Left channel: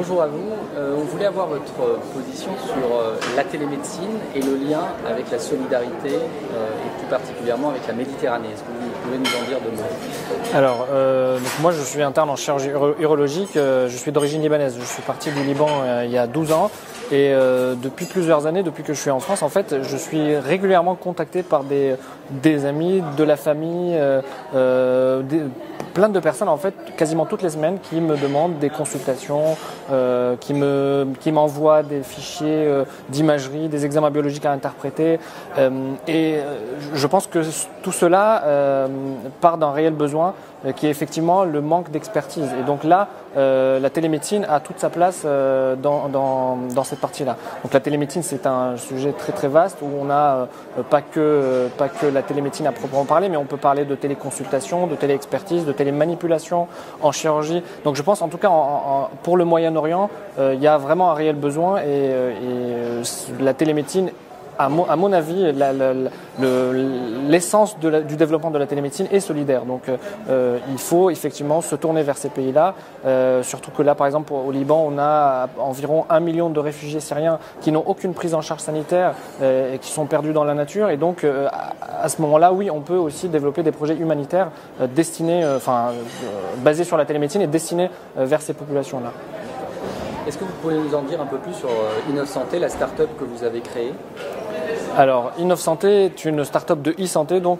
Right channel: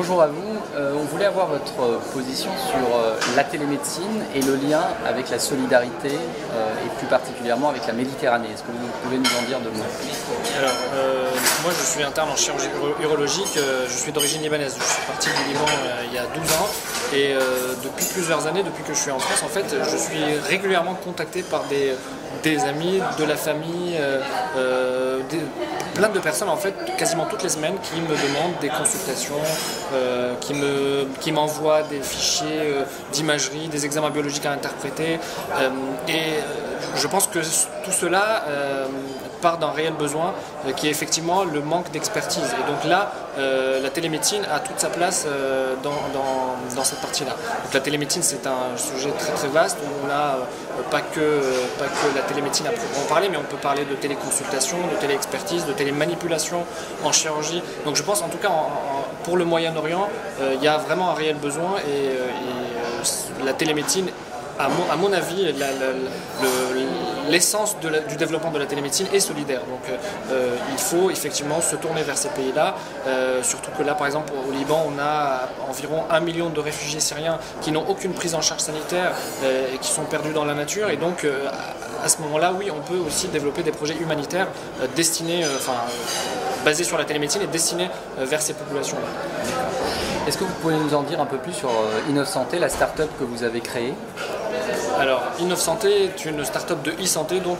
Bonjour à vous. On voulait avoir votre position sur la télémédecine et le lien avec la solidarité et plus particulièrement avec la Méditerranée. Est-ce que vous pouvez nous en dire deux mots? Alors, moi je suis interne en chirurgie urologique, je suis d'origine libanaise, je suis parti du Liban il y a 12 ans et depuis plusieurs années, depuis que je suis en France, en fait, je suis régulièrement contacté par des amis, de la famille, plein de personnes en fait, quasiment toutes les semaines qui me demandent des consultations, qui m'envoient des fichiers d'imagerie, des examens biologiques à interpréter et je pense que tout cela part d'un réel besoin qui est effectivement le manque d'expertise. Et donc là, la télémédecine a toute sa place dans cette partie-là. Donc la télémédecine, c'est un sujet très très vaste où on n'a pas que la télémédecine à proprement parler, mais on peut parler de téléconsultation, de téléexpertise, de télémanipulation en chirurgie. Donc je pense en tout cas pour le Moyen-Orient, il y a vraiment un réel besoin et la télémédecine, à mon avis, l'essence du développement de la télémédecine est solidaire. Donc il faut effectivement se tourner vers ces pays-là. Surtout que là, par exemple, au Liban, on a environ 1 million de réfugiés syriens qui n'ont aucune prise en charge sanitaire et qui sont perdus dans la nature. Et donc à ce moment-là, oui, on peut aussi développer des projets humanitaires destinés, basés sur la télémédecine et destinés vers ces populations-là. Est-ce que vous pouvez nous en dire un peu plus sur Innov'Santé, la start-up que vous avez créée? Alors, Innov'Santé est une start-up de e-santé, donc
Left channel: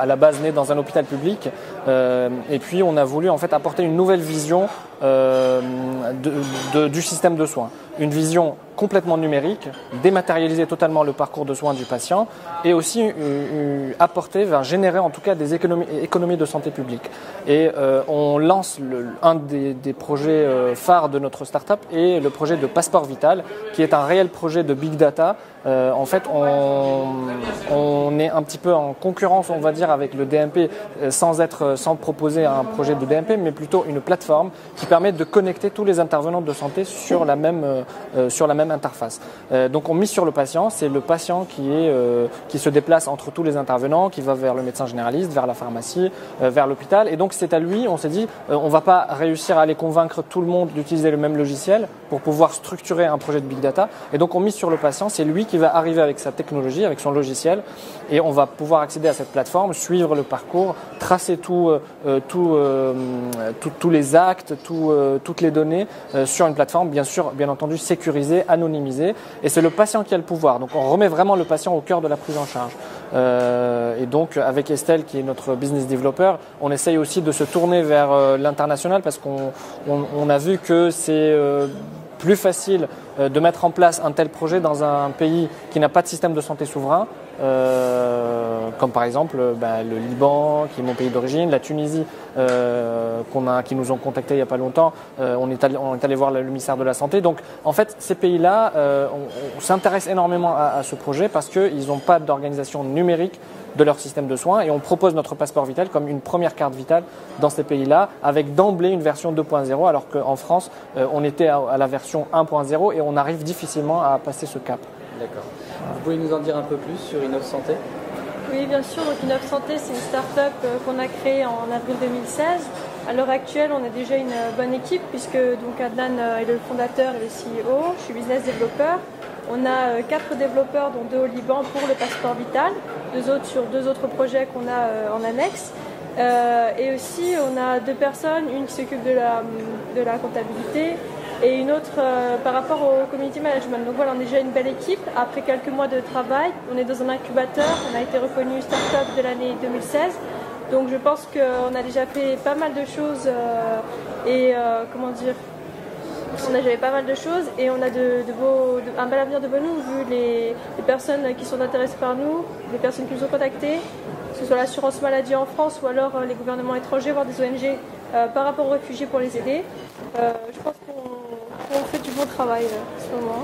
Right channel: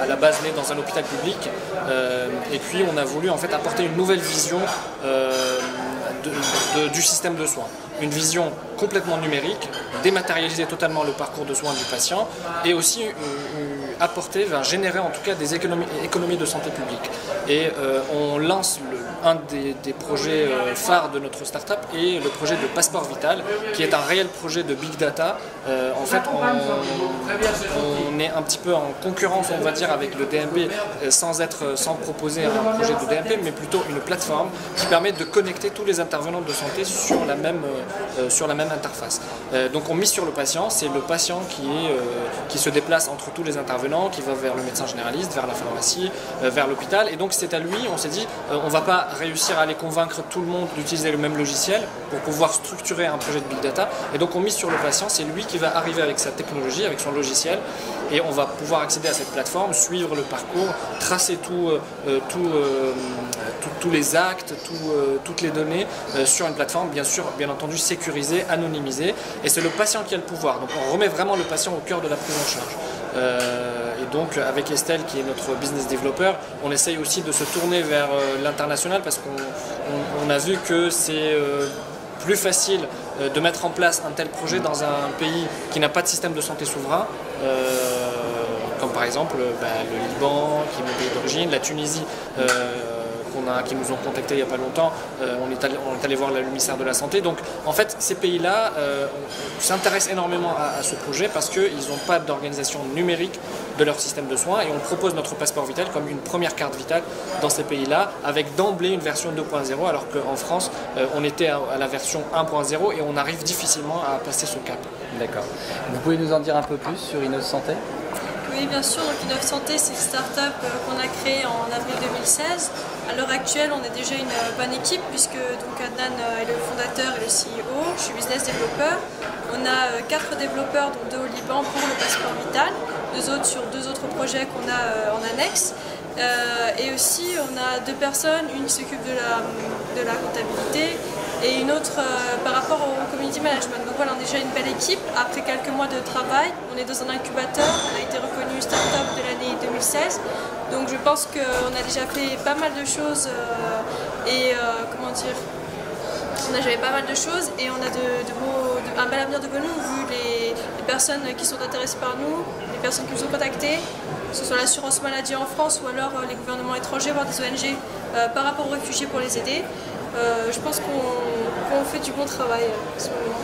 à la base née dans un hôpital public. Et puis, on a voulu en fait apporter une nouvelle vision du système de soins. Une vision complètement numérique, dématérialiser totalement le parcours de soins du patient et aussi générer en tout cas des économies de santé publique. Et on lance un des projets phares de notre start-up est le projet de Passeport Vital, qui est un réel projet de big data. En fait, on est un petit peu en concurrence, on va dire, avec le DMP sans proposer un projet de DMP, mais plutôt une plateforme qui permet de connecter tous les intervenants de santé sur la même interface. Donc on mise sur le patient, c'est le patient qui se déplace entre tous les intervenants, qui va vers le médecin généraliste, vers la pharmacie, vers l'hôpital. Et donc c'est à lui, on s'est dit, on ne va pas réussir à aller convaincre tout le monde d'utiliser le même logiciel pour pouvoir structurer un projet de big data. Et donc on mise sur le patient, c'est lui qui va arriver avec sa technologie, avec son logiciel, et on va pouvoir accéder à cette plateforme, suivre le parcours, tracer tous les actes, toutes les données sur une plateforme, bien entendu sécurisée, anonymisée, et c'est le patient qui a le pouvoir. Donc on remet vraiment le patient au cœur de la prise en charge. Et donc avec Estelle, qui est notre business developer, on essaye aussi de se tourner vers l'international parce qu'on a vu que c'est plus facile de mettre en place un tel projet dans un pays qui n'a pas de système de santé souverain, comme par exemple le Liban, qui est mon pays d'origine, la Tunisie, qui nous ont contactés il n'y a pas longtemps, on est allé voir le ministère de la Santé. Donc en fait, ces pays-là s'intéressent énormément à ce projet parce qu'ils n'ont pas d'organisation numérique de leur système de soins et on propose notre passeport vital comme une première carte vitale dans ces pays-là avec d'emblée une version 2.0 alors qu'en France, on était à la version 1.0 et on arrive difficilement à passer ce cap. D'accord. Vous pouvez nous en dire un peu plus sur Innov'Santé? Oui, bien sûr. Donc Innov'Santé, c'est une start-up qu'on a créée en avril 2016. À l'heure actuelle, on est déjà une bonne équipe puisque donc Adnan est le fondateur et le CEO. Je suis business développeur. On a 4 développeurs, donc 2 au Liban pour le passeport vital, 2 autres sur 2 autres projets qu'on a en annexe. Et aussi, on a 2 personnes, une qui s'occupe de la comptabilité et une autre par rapport au community management. Donc voilà, on est déjà une belle équipe. Après quelques mois de travail, on est dans un incubateur. On a été reconnu start-up de l'année 2016. Donc je pense qu'on a déjà fait pas mal de choses on a déjà fait pas mal de choses et on a un bel avenir devant nous vu les personnes qui sont intéressées par nous, les personnes qui nous ont contactés, que ce soit l'assurance maladie en France ou alors les gouvernements étrangers, voire des ONG par rapport aux réfugiés pour les aider. Je pense qu'on fait du bon travail en ce moment.